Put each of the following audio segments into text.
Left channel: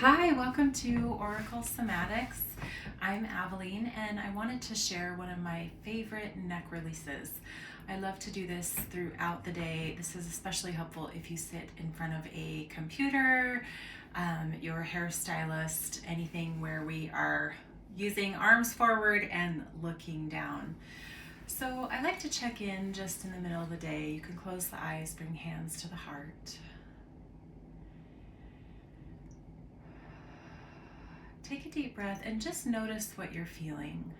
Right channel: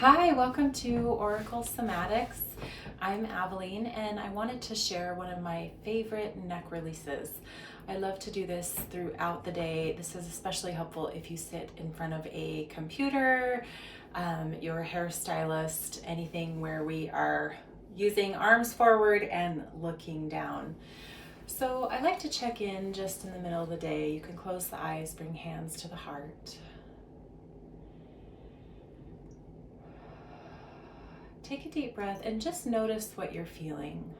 Hi, welcome to Oracle Somatics. I'm Aveline and I wanted to share one of my favorite neck releases. I love to do this throughout the day. This is especially helpful if you sit in front of a computer, your hairstylist, anything where we are using arms forward and looking down. So I like to check in just in the middle of the day. You can close the eyes, bring hands to the heart. Take a deep breath and just notice what you're feeling.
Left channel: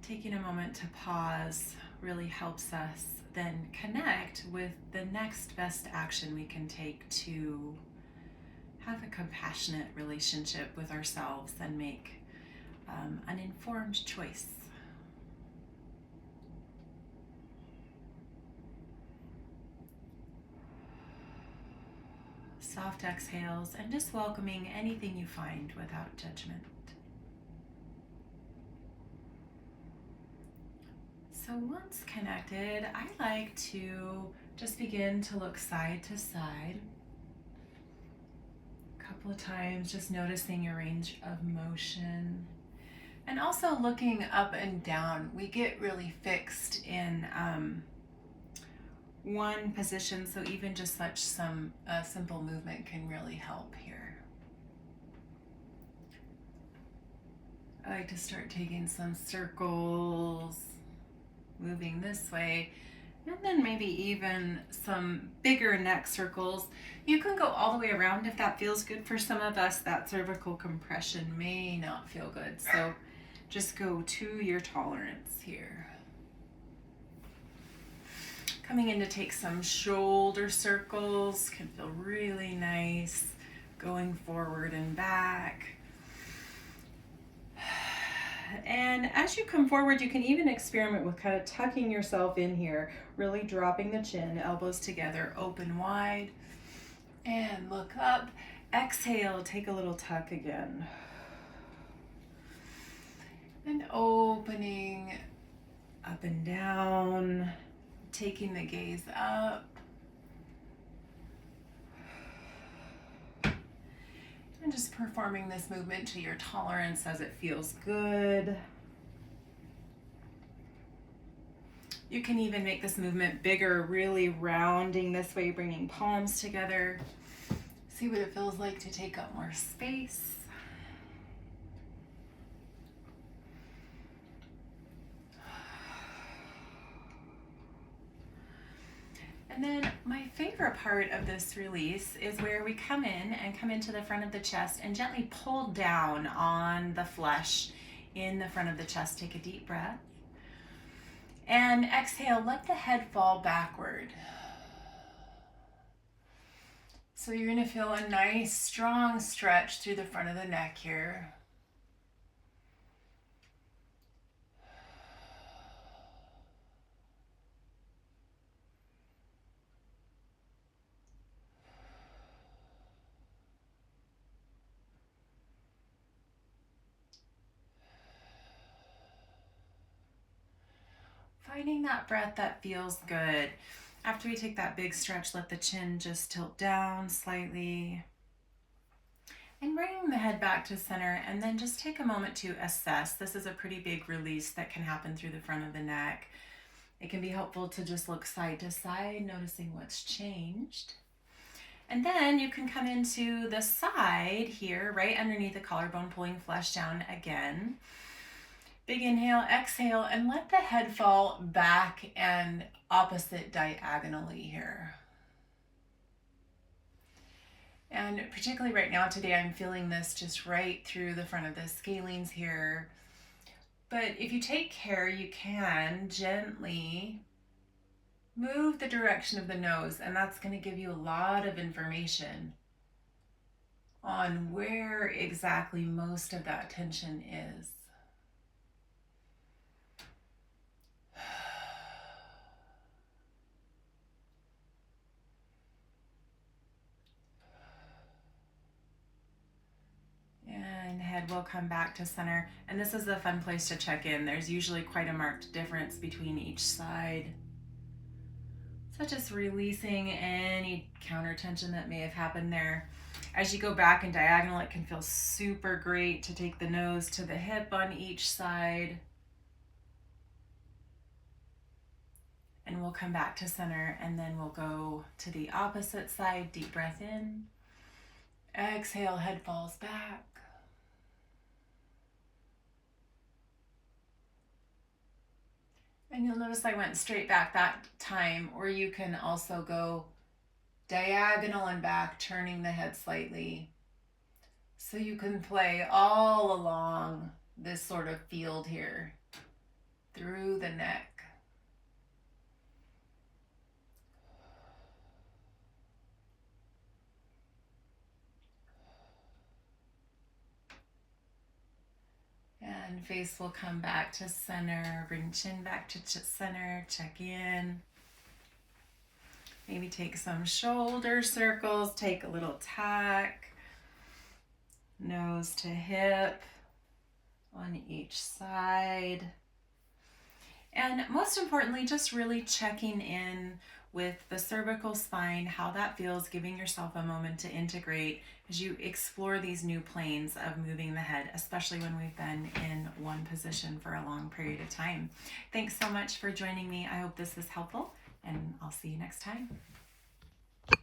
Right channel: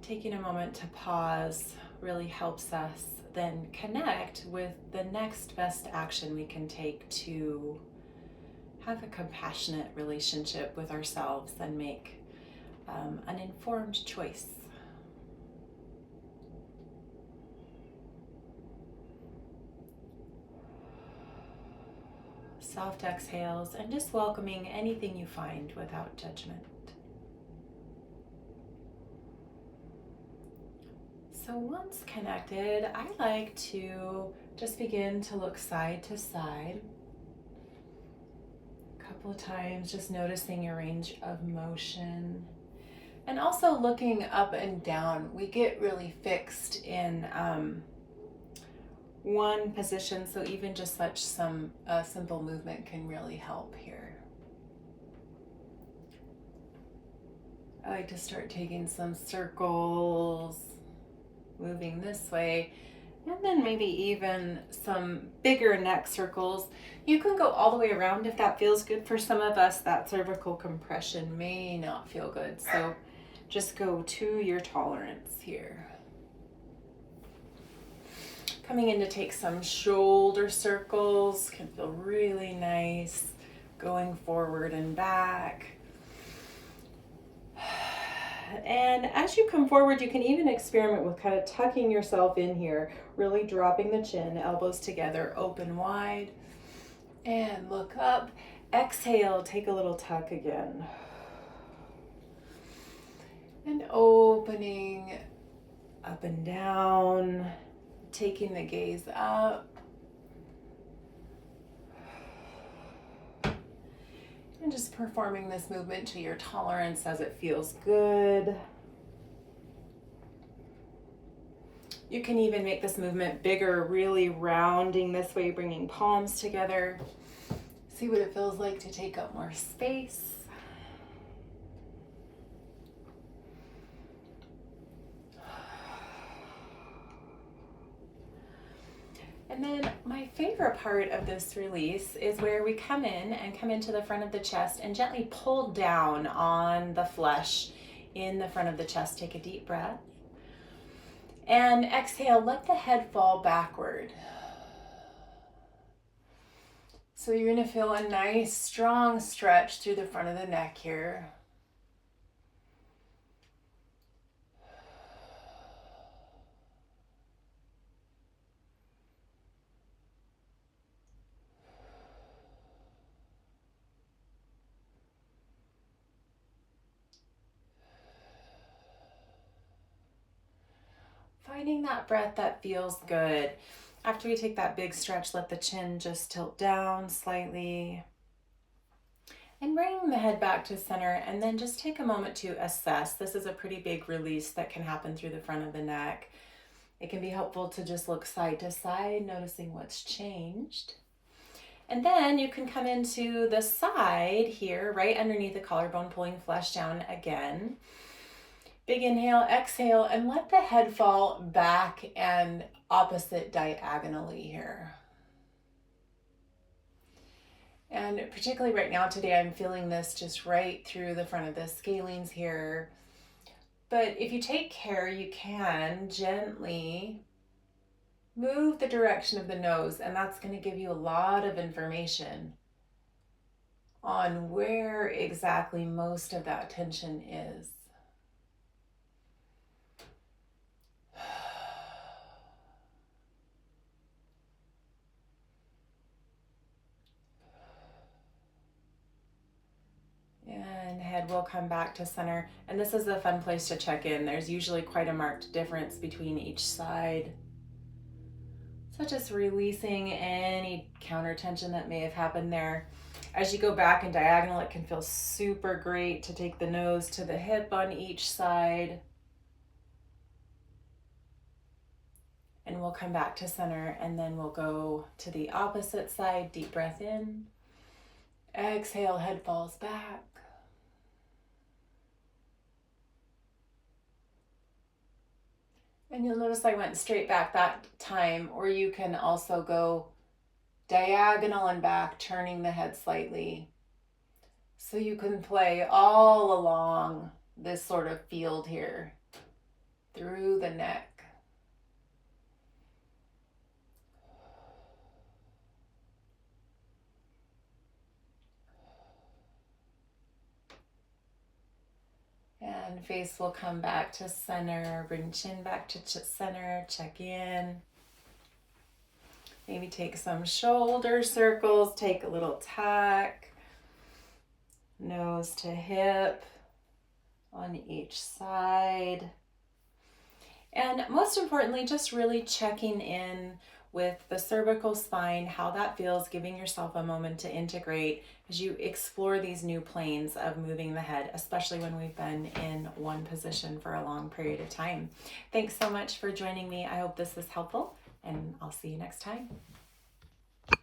Taking a moment to pause really helps us then connect with the next best action we can take to have a compassionate relationship with ourselves and make an informed choice. Soft exhales and just welcoming anything you find without judgment. So once connected, I like to just begin to look side to side. A couple of times, just noticing your range of motion. And also looking up and down. We get really fixed in one position, so even just such some simple movement can really help here. I like to start taking some circles, moving this way, and then maybe even some bigger neck circles. You can go all the way around if that feels good. For some of us, that cervical compression may not feel good, so just go to your tolerance here. Coming in to take some shoulder circles, can feel really nice, going forward and back. And as you come forward, you can even experiment with kind of tucking yourself in here, really dropping the chin, elbows together, open wide, and look up. Exhale, take a little tuck again. And opening up and down, taking the gaze up. And just performing this movement to your tolerance as it feels good. You can even make this movement bigger, really rounding this way, bringing palms together. See what it feels like to take up more space. And then my favorite part of this release is where we come in and come into the front of the chest and gently pull down on the flesh in the front of the chest. Take a deep breath. And exhale, let the head fall backward. So you're going to feel a nice, strong stretch through the front of the neck here. Finding that breath that feels good. After we take that big stretch, let the chin just tilt down slightly. And bring the head back to center, and then just take a moment to assess. This is a pretty big release that can happen through the front of the neck. It can be helpful to just look side to side, noticing what's changed. And then you can come into the side here, right underneath the collarbone, pulling flesh down again. Big inhale, exhale, and let the head fall back and opposite diagonally here. And particularly right now today, I'm feeling this just right through the front of the scalenes here. But if you take care, you can gently move the direction of the nose, and that's going to give you a lot of information on where exactly most of that tension is. And head will come back to center. And this is a fun place to check in. There's usually quite a marked difference between each side. So just releasing any counter tension that may have happened there. As you go back and diagonal, it can feel super great to take the nose to the hip on each side. And we'll come back to center, and then we'll go to the opposite side. Deep breath in. Exhale, head falls back. And you'll notice I went straight back that time, or you can also go diagonal and back, turning the head slightly. So you can play all along this sort of field here, through the neck. And face will come back to center, bring chin back to center, check in. Maybe take some shoulder circles, take a little tuck, nose to hip on each side. And most importantly, just really checking in with the cervical spine, how that feels, giving yourself a moment to integrate as you explore these new planes of moving the head, especially when we've been in one position for a long period of time. Thanks so much for joining me. I hope this was helpful, and I'll see you next time.